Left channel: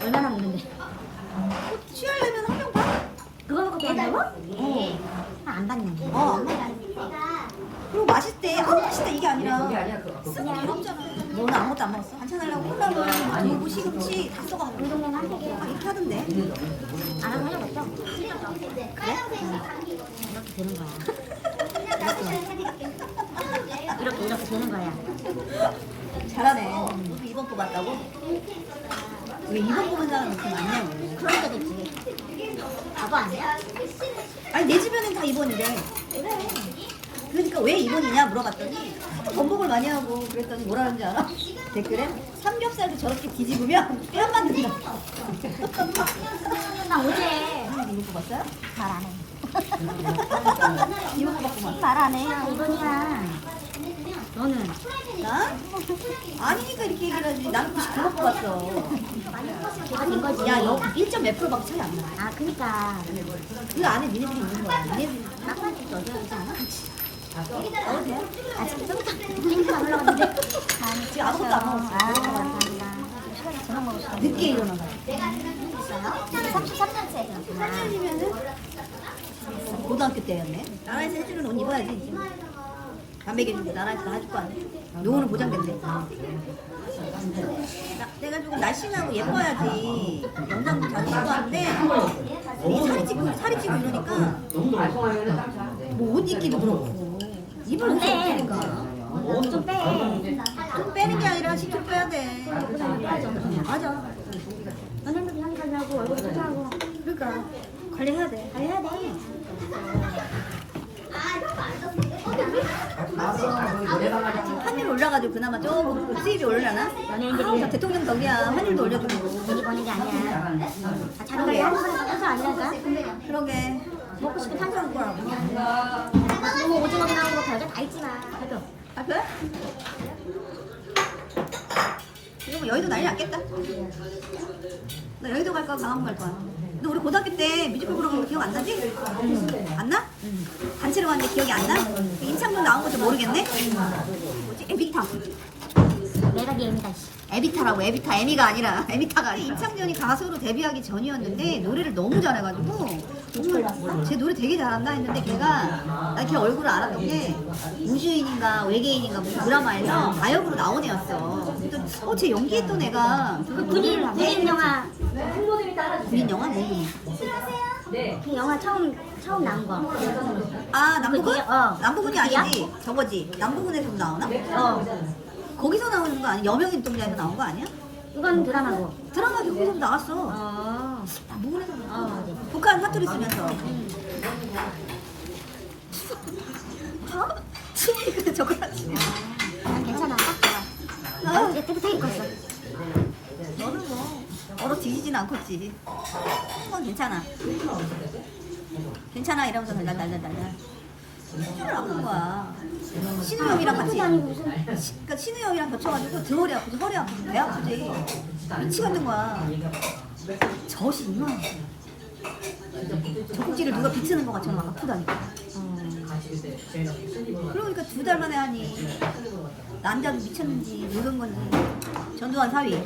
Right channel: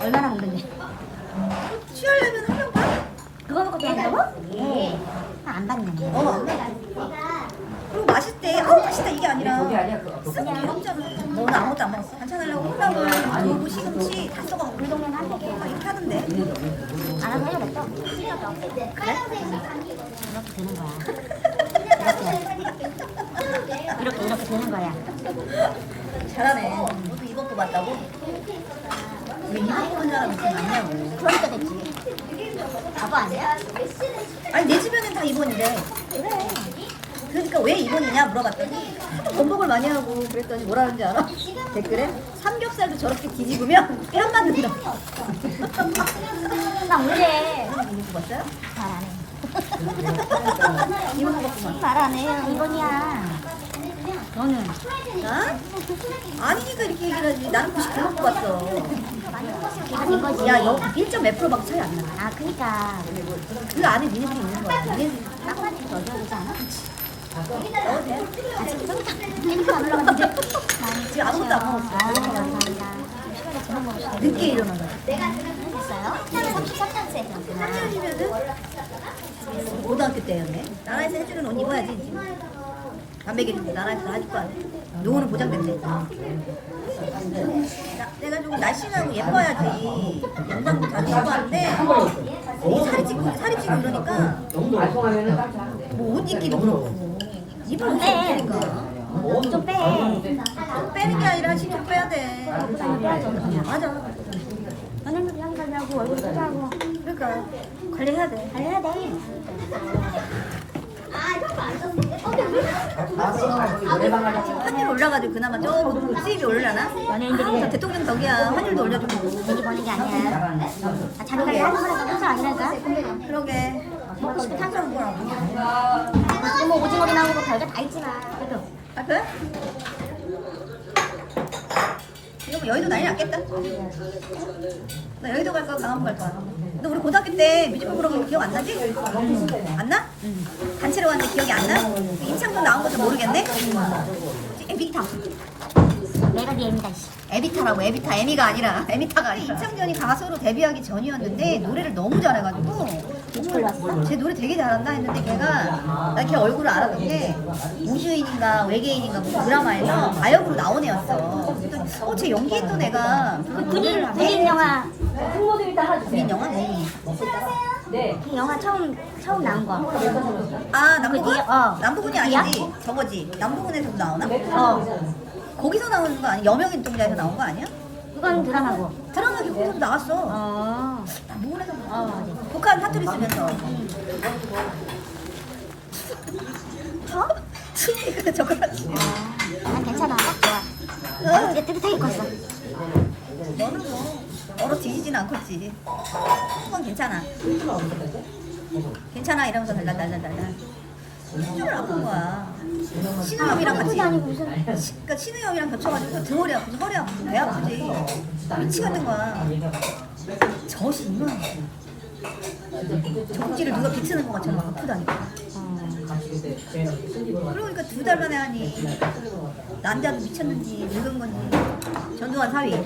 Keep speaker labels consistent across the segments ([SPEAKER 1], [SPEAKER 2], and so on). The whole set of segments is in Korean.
[SPEAKER 1] 얼마나 먹는데?
[SPEAKER 2] 치열려면 한 병 반?
[SPEAKER 1] 그거 먹고 된다고? 예. 네. 안 받는데. 어,
[SPEAKER 2] 안 받는데. 그리고 맛있대. 아, 맛있다. 이게 아니라. 쓰고 괴롭잖아. 너는 아무것도 안 먹었어? 반찬하려고 콩나물, 두부, 시금치 다 써가고. 공동면 한 개. 막 이렇게 하던데.
[SPEAKER 1] 알아서 해야겠다.
[SPEAKER 2] 그래?
[SPEAKER 1] 되는 거야. 이렇게 이렇게 되는 거야.
[SPEAKER 2] 잘하네. 너도 이번 뽑았다고? 왜 이번 뽑은 사람이 이렇게 많냐고.
[SPEAKER 1] 그러니까 됐지. 바보 아니야?
[SPEAKER 2] 아니 내 주변엔 다 이번인데. 그러니까 왜 이번이냐 물어봤더니 하도 번복을 많이 하고 그랬더니 뭐라는지 알아? 댓글에 삼겹살도 저렇게 뒤집으면 폐안 맞는다.
[SPEAKER 1] 나 뭐래?
[SPEAKER 2] 이거 뽑았어요?
[SPEAKER 1] 말 안 해.
[SPEAKER 2] 이번 뽑았구만.
[SPEAKER 1] 말 안 해요. 이번이야. 너는?
[SPEAKER 2] 나? 아니니까 이렇게 얘기를 하지. 나는 99번 뽑았어.
[SPEAKER 1] 이거지.
[SPEAKER 2] 야, 여 1점 몇 프로밖에 차이 안 나.
[SPEAKER 1] 아, 그니까.
[SPEAKER 2] 그 안에 니네들이 있는 거야. 니네들이 돼?
[SPEAKER 1] 아, 지금 저기
[SPEAKER 2] 지금 아무것도 안 먹었어.
[SPEAKER 1] 아, 감사합니다. 시간에 저녁 먹을 시간.
[SPEAKER 2] 늦게 일어나서.
[SPEAKER 1] 됐어요? 33년째.
[SPEAKER 2] 3년이면은 고등학교 때였네. 나라에서 해주는 옷 입어야지. 안 먹여주고 나라에서 다 해줄 거 아니야. 노후는 보장된대. 나, 내가 좀 날씬하고 예뻐야지. 영상도 자주 찍고 하는데 이 살이 찌고 살이 찌고 이러니까 뭐 옷 입기도 그렇고 입을 옷이 없으니까
[SPEAKER 1] 좀 빼.
[SPEAKER 2] 좀 빼는 게 아니라 10kg 빼야 돼. 맞아.
[SPEAKER 1] 얼굴.
[SPEAKER 2] 그러니까 관리해야 돼.
[SPEAKER 1] 해야 돼.
[SPEAKER 2] 환율 올라가지고 그나마 조금 수입이 올라나? 아, 저 대통령 덕이야. 환율도 올려주고.
[SPEAKER 1] 돈이 버는 게 아니야. 아, 잘 그래. 항상 아니랄까?
[SPEAKER 2] 그러게. 항상 거라고.
[SPEAKER 1] 너무 오징어리 나오고 별게 다 있지만.
[SPEAKER 2] 아, 그래? 이거 뭐 여의도 난리 났겠다. 너 여의도 갈 거야, 강화문 갈 거야. 너 우리 고등학교 때 뮤지컬 보러 간 거 기억 안 나지? 안 나? 단체로 왔는데 기억이 안 나? 그 임창정 나온 것도 모르겠네? 뭐지? 에비타.
[SPEAKER 1] 내가 네 애미다, 씨.
[SPEAKER 2] 에비타라고 에비타 에미가 아니라 에미타가 아니라 임창정이 가수로 데뷔하기 전이었는데 노래를 너무 잘해가지고 정말 제 노래 되게 잘한다 했는데 걔가 나 걔 얼굴을 알았던 게 우주인인가 외계인인가 무슨 드라마에서 마역으로 나온 애였어 그랬더니 어쟤 연기했던 애가 저렇게 노래를 하네?
[SPEAKER 1] 영화.
[SPEAKER 2] 그린 영화?
[SPEAKER 1] 뭐그 영화 처음, 처음 나온 거.
[SPEAKER 2] 아 남부군?
[SPEAKER 1] 어.
[SPEAKER 2] 남부군이 아니지 저거지 남부군에서도 나오나? 어 거기서 나오는 거 아니야? 여명인 동자에서 나온 거 아니야?
[SPEAKER 1] 이건 드라마고.
[SPEAKER 2] 드라마 교과서도 나왔어
[SPEAKER 1] 어.
[SPEAKER 2] 남부군에서
[SPEAKER 1] 어, 어디?
[SPEAKER 2] 북한 사투리 쓰면서 수미가 저거같이
[SPEAKER 1] 난 괜찮아.
[SPEAKER 2] 어,
[SPEAKER 1] 이제 뜨뜻하게 컸어.
[SPEAKER 2] 너는 뭐 얼어 뒤지진 않겠지. 그건 괜찮아. 괜찮아 이러면서 달달달달달 수준을 아픈 거야. 신우염이랑 같이. 시, 그러니까 신우염이랑 겹쳐가지고 등허리 아프지 허리 아프지 배 아프지. 미치겠는 거야. 젖이 이만해. 젖꼭지를 누가 비트는 것 같처럼 아프다니까 그러니까 두 달 만에 하니 남자도 미쳤는지 늙은 건지 전두환 사위.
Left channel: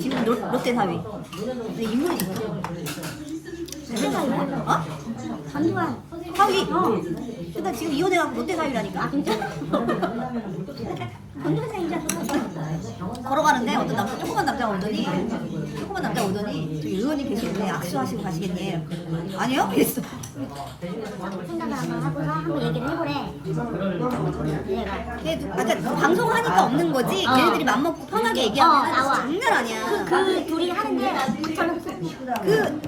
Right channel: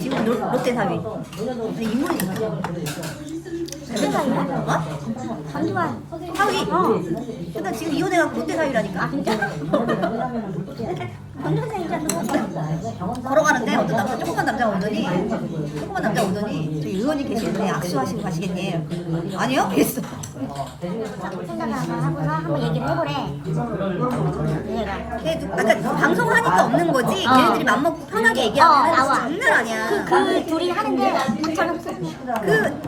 [SPEAKER 2] 지금 롯, 롯데 사위. 인물이 좋다 어? 전두환 사위. 근데 지금 이혼해갖고 롯데 사위라니까. 걸어가는데 남자 오더니 조그만 남자 오더니 저기 의원님 계시는데 악수하시고 가시겠니? 아니요? 그랬어. 아까 방송을 하니까 없는 거지. 걔네들이 맘먹고 편하게 얘기하면 장난 아니야.
[SPEAKER 1] 그 둘이 하는데
[SPEAKER 2] 그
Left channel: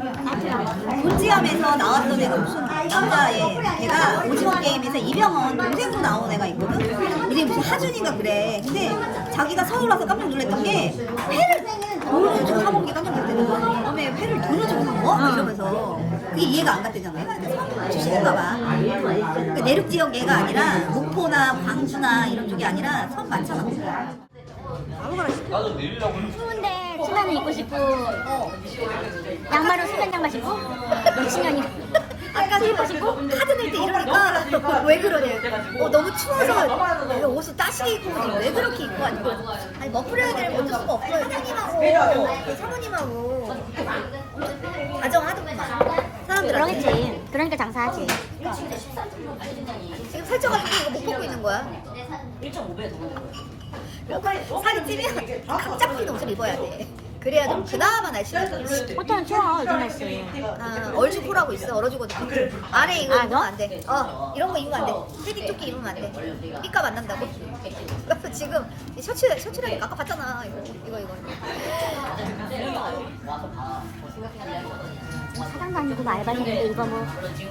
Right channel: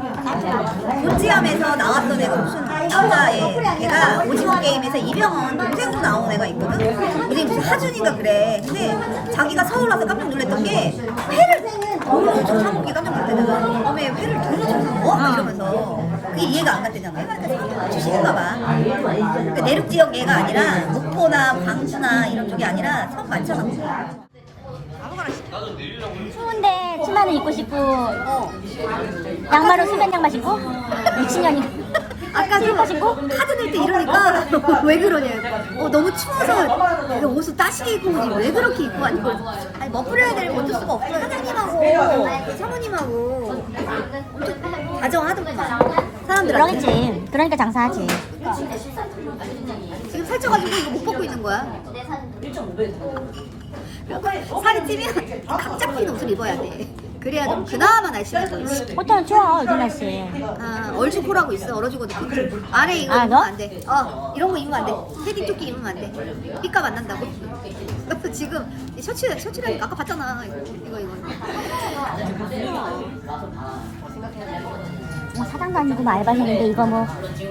[SPEAKER 2] 본지함에서 나왔던 애가 무슨 남자애 걔가 오징어 게임에서 이병헌 동생으로 나온 애가 있거든? 근데 무슨 하준인가 그래. 근데 자기가 서울 와서 깜짝 놀랐던 게 회를 돈을 주고 사 먹는 게 깜짝 놀랐대잖아 어메 회를 돈을 주고 사 먹어? 막 이러면서. 그게 이해가 안 갔대잖아 출신인가 봐. 그러니까 내륙 지역 애가 아니라 목포나 광주나 이런 쪽이 아니라 섬 많잖아. 아무거나 시켜.
[SPEAKER 1] 추운데 치마를 입고 싶고 양말을 수면 양말 신고? 미친년이야.
[SPEAKER 2] 아까도 카드 낼 때 이러니까 왜 그러냐. 어, 너무 추워서 내가 옷을 따시게 입고 오지. 왜 그렇게 입고 왔니? 아니 멋부려야 되면 어쩔 수가 없어요 사장님하고 그 사모님하고 엄청 다정하더구만. 사람들한테.
[SPEAKER 1] 그러겠지. 그러니까 장사하지.
[SPEAKER 2] 지금 살쪄가지고 이거 못 벗고 있는 거야? 그리고 살이 찌면 각 잡힌 옷을 입어야 돼. 그래야 좀 그나마 날씬해 보이지.
[SPEAKER 1] 호텔은 추워 요즘 날씨.
[SPEAKER 2] 아, 얼죽코라고 있어. 얼어죽어도. 안에 이거
[SPEAKER 1] 아,
[SPEAKER 2] 입으면
[SPEAKER 1] 너?
[SPEAKER 2] 안 돼. 어, 이런 거 입으면 안 돼. 패딩 조끼 입으면 안 돼. 삐까 만난다고. 너 지금 이 셔츠, 셔츠라니까 아까 봤잖아. 이거, 이거, 이거.
[SPEAKER 1] 사장도 아니고 뭐 알바생인데 이거 뭐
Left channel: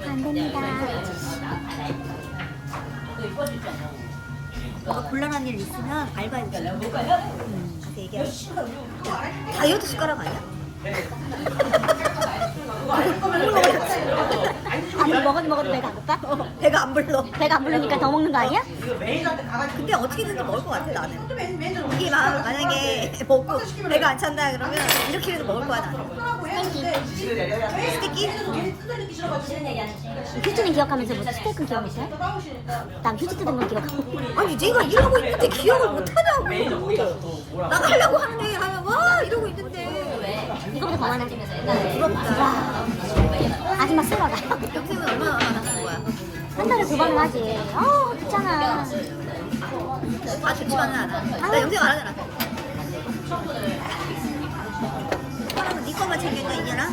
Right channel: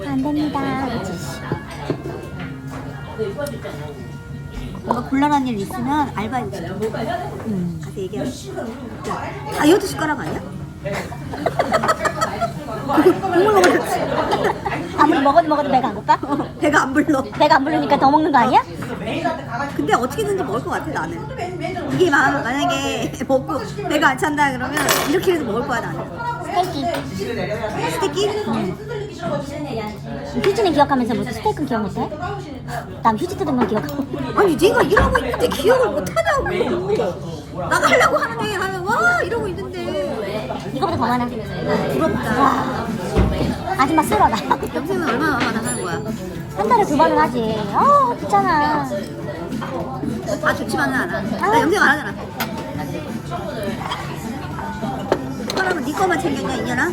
[SPEAKER 1] 안 됩니다.
[SPEAKER 2] 뭔가 곤란한 일 있으면 알바해보 가서 얘기하자. 다이어트 숟가락 아니야? 국물 먹어야지.
[SPEAKER 1] 아무리 먹어도 먹어도 배가 안 고파?
[SPEAKER 2] 어, 배가 안 불러.
[SPEAKER 1] 배가 안 부르니까 더 먹는 거 아니야?
[SPEAKER 2] 근데 어떻게든지 먹을 것 같아 나는. 이게 마- 만약에 먹고 배가 안 찬다 그러면 이렇게라도 먹을 거야 나는. 스테이키?
[SPEAKER 1] 휴지는 기억하면서 무슨 스테이크는 기억 못해? 난 휴지 뜯은 건 기억하고
[SPEAKER 2] 아니 네가 이러고 있는데 기억을 못 하냐고. 나가려고 하는데 하면 와 이러고 있는데
[SPEAKER 1] 이거보다 더 하는
[SPEAKER 2] 부럽다.
[SPEAKER 1] 아줌마 쓰러라
[SPEAKER 2] 영생은 얼마나 하는 거야?
[SPEAKER 1] 한 달에 두 번은 하지 아 좋잖아
[SPEAKER 2] 다 좋지만은 않아. 나 영생 안 하잖아. 거만 챙겼냐 이년아?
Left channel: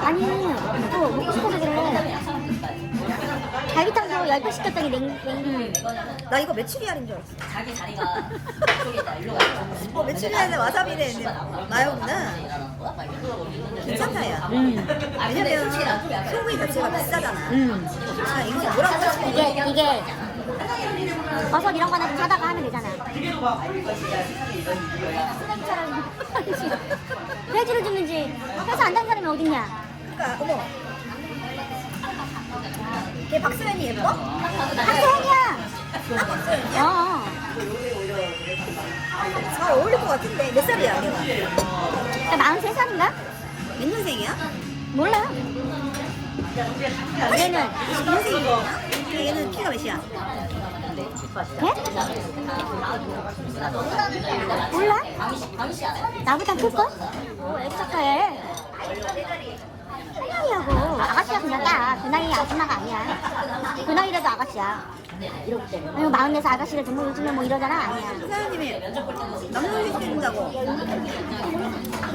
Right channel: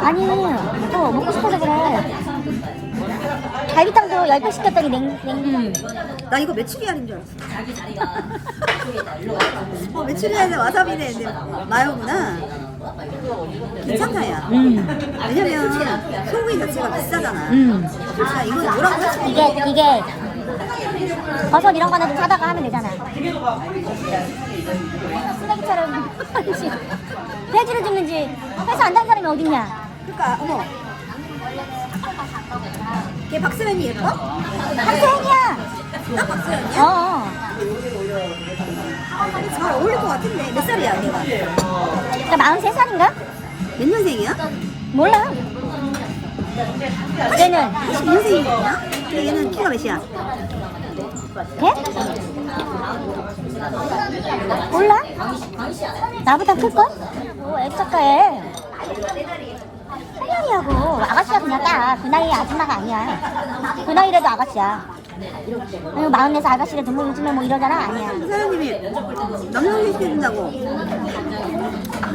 [SPEAKER 1] 아니 이거 먹고 싶어서 그래 갈비탕도 10개 시켰더니 냉, 냉
[SPEAKER 2] 나 이거 메추리알인 줄 알았어. 어, 메추리알에 와사비네 마요구나. 괜찮다 야.
[SPEAKER 1] 음.
[SPEAKER 2] 왜냐면 소고기 자체가 비싸잖아.
[SPEAKER 1] 음.
[SPEAKER 2] 자 이건 뭐라고 없는
[SPEAKER 1] 이게 이게 버섯 이런 거는 좀 사다가 하면 되잖아 쓰레기처럼 돼지를 죽는지 해서 안단 사람이 어딨냐
[SPEAKER 2] 그러니까 어머. 걔 박스맨이 예뻐?
[SPEAKER 1] 학생이야
[SPEAKER 2] 딱 박스맨이야?
[SPEAKER 1] 어
[SPEAKER 2] 잘 어울릴 것 같은데 몇 살이야 걔가?
[SPEAKER 1] 그러니까 43살인가?
[SPEAKER 2] 몇 년생이야?
[SPEAKER 1] 몰라 얘는
[SPEAKER 2] 20년생이구나? 얘는 키가 몇이야?
[SPEAKER 1] 배? 몰라? 나보다 클걸? 어, 액자가에 한명이하고 아가씨가 그냥 딱 그 나이에 아줌마가 아니야 그 나이라도 아가씨야 응, 마흔에서 아가씨를 등록 요즘에 뭐 이러잖아 아니야
[SPEAKER 2] 사장님이 남성식 해준다고.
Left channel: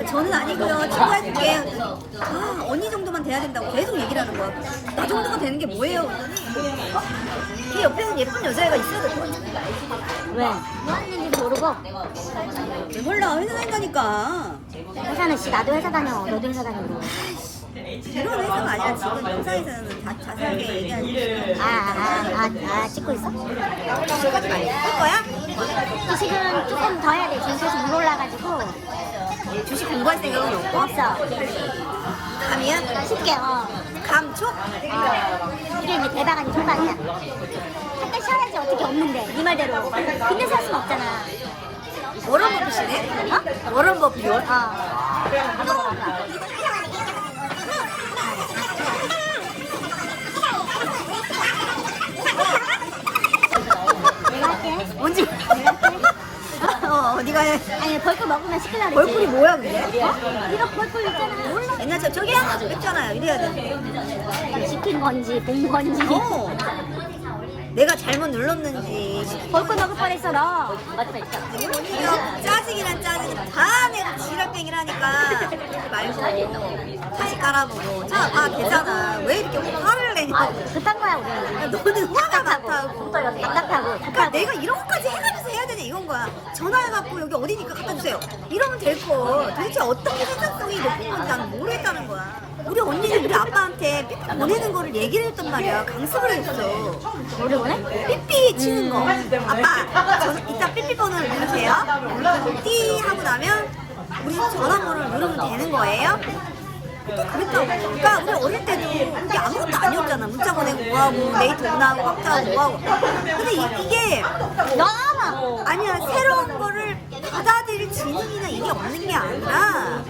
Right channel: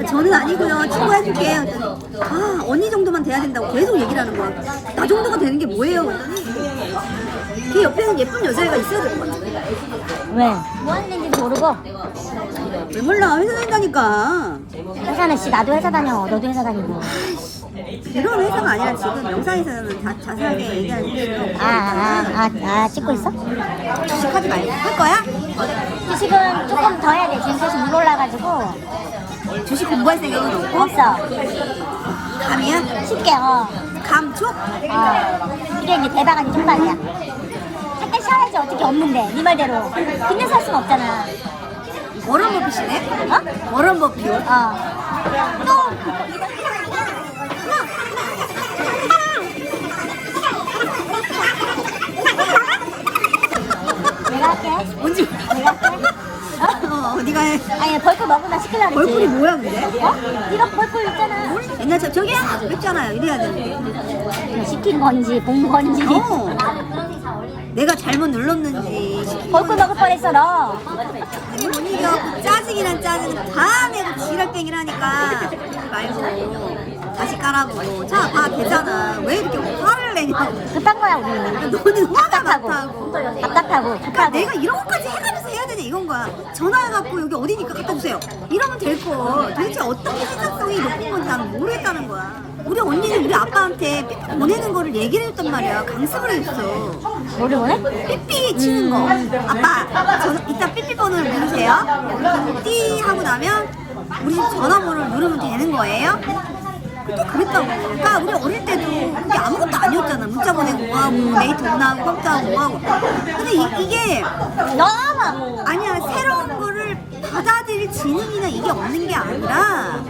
[SPEAKER 2] 저는 아니고요. 친구 해줄게. 그랬더니 아 언니 정도만 돼야 된다고 계속 얘기를 하는 거야. 나 정도가 되는 게 뭐예요? 그랬더니 걔 옆에는 예쁜 여자애가 있어야 될 것 같아.
[SPEAKER 1] 왜?
[SPEAKER 2] 몰라? 회사 다니까니까.
[SPEAKER 1] 회사는 씨 나도 회사 다녀 너도 회사 다니고
[SPEAKER 2] 이런 회사가 아니라 지금 영상에서는 다 자세하게 얘기하는 게
[SPEAKER 1] 아, 아, 아, 아, 찍고 있어?
[SPEAKER 2] 하지 말고 할 거야?
[SPEAKER 1] 지금 조금 더 해야 돼 지금 계속 물 올라가지고
[SPEAKER 2] 주식 공부할 생각은 없고
[SPEAKER 1] 없어
[SPEAKER 2] 감이야?
[SPEAKER 1] 쉽게 어
[SPEAKER 2] 감촉?
[SPEAKER 1] 이게 이제 대박한 정말이야. 어떻게 없는데 네 말대로. 근데 살 수가 없잖아.
[SPEAKER 2] 워런 버핏이네? 워런 버핏.
[SPEAKER 1] 어. 내가 할게.
[SPEAKER 2] 뭔지 어, 네가 해.
[SPEAKER 1] 아니 벌꿀 먹으나 시키려고.
[SPEAKER 2] 벌꿀이 뭐야 근데?
[SPEAKER 1] 어? 이거 벌꿀 있잖아. 몰라.
[SPEAKER 2] 옛날 저, 저기야? 했잖아요 이래야 되는데
[SPEAKER 1] 시킨 건지 본 건지.
[SPEAKER 2] 어. 내가 잘못 눌렀는지.
[SPEAKER 1] 벌꿀 먹을 뻔했어 너.
[SPEAKER 2] 아니 못 이겨 짜증이란 짜증은 다 내고 지랄병이라니까. 그러지 말고 다시 깔아보고. 자 봐 되잖아. 왜 이렇게 화를 내냐고.
[SPEAKER 1] 급한 거야
[SPEAKER 2] 너는 화가 많다고.
[SPEAKER 1] 답답하고.
[SPEAKER 2] 그러니까 내가 이런 것까지 해가면서 해야 되냐 이건 거야. 전화해갖고 여기 어디니까 갖다 주세요. 이러면 될거 도대체 어떻게 생산성이 높은 건지 나는 모르겠다는 거야 우리 언니는 우리 아빠한테 삐삐 보내는 거를 얘기를 했단 말이야 강습을 했어
[SPEAKER 1] 원해?
[SPEAKER 2] 삐삐 치는 거 아빠 저 이따 삐삐 번호를 누르세요 띠 하고 나면 우리 집 전화번호를 누르면 되는 거예요? 그때 그랬다고 그러니까 우리 어릴 때도 이게 아무것도 아니었잖아 문자 보내고 뭐하고 네이트 오나하고 컴퓨터하고 뭐하고 근데 이, 게
[SPEAKER 1] 너무.
[SPEAKER 2] 아니야 새로운 거를 받아들일 지능이나 이게 없는 게 아니라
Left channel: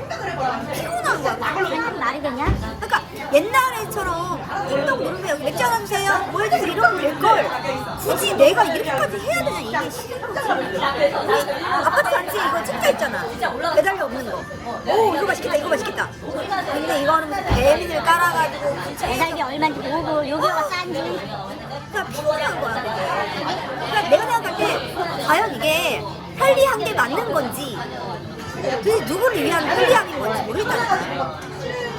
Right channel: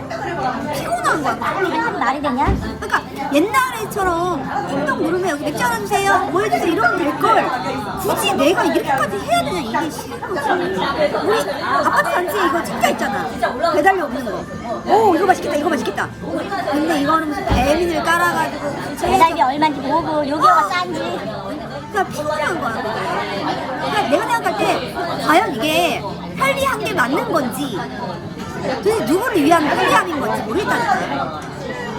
[SPEAKER 2] 피곤한 거야.
[SPEAKER 1] 말이 되냐?
[SPEAKER 2] 그러니까 옛날에처럼 띵동 여기 맥주 하나 주세요 뭐 해주세요 이러면 될 걸. 굳이 내가 이렇게까지 해야 되냐 이게 싫은 거지 우리 아파트 단지에 이거 진짜 있잖아. 배달료 없는 거 오 이거 맛있겠다 이거 맛있겠다. 근데 이거는 무슨 배민을 깔아가지고
[SPEAKER 1] 배달비 얼마인지 모르고 요기가 싼지.
[SPEAKER 2] 그냥 피곤한 거야 그게. 그냥 내가 생각할 때 과연 이게 편리한 게 맞는 건지 도대체 누구를 위한 편리함인 건지 모르겠다니까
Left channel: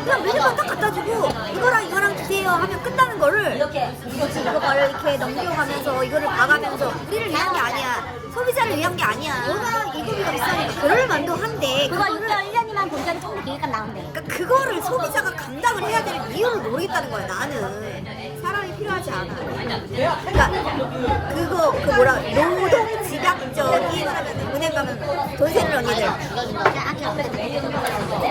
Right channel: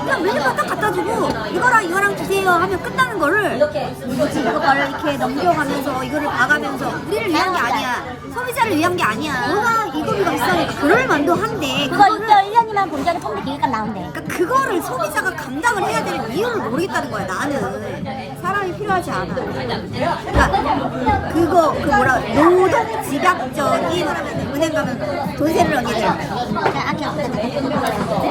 [SPEAKER 2] 그냥 메뉴판 딱 갖다 주고 이거랑 이거랑 주세요 하면 끝나는 거를 뭐지? 이거 말을 이렇게 넘겨가면서 이거를 봐가면서 우리를 위한 게 아니야. 소비자를 위한 게 아니야. 워낙 이거비가 비싸니까 그럴 만도 한데
[SPEAKER 1] 그거
[SPEAKER 2] 그거를
[SPEAKER 1] 1년이면 공장에 통 계획값 나온대
[SPEAKER 2] 그러니까 그거를 소비자가 감당을 해야 될 이유를 모르겠다는 거야 나는 사람이 필요하지 않아. 그러니까 그거 그 뭐라 노동 집약적인 은행 가면 돈 세는 언니들.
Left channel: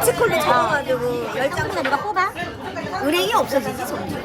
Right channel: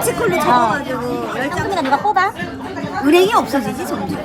[SPEAKER 2] 치콜로 적어가지고 열장
[SPEAKER 1] 네가 뽑아.
[SPEAKER 2] 은행이 없어지지 점점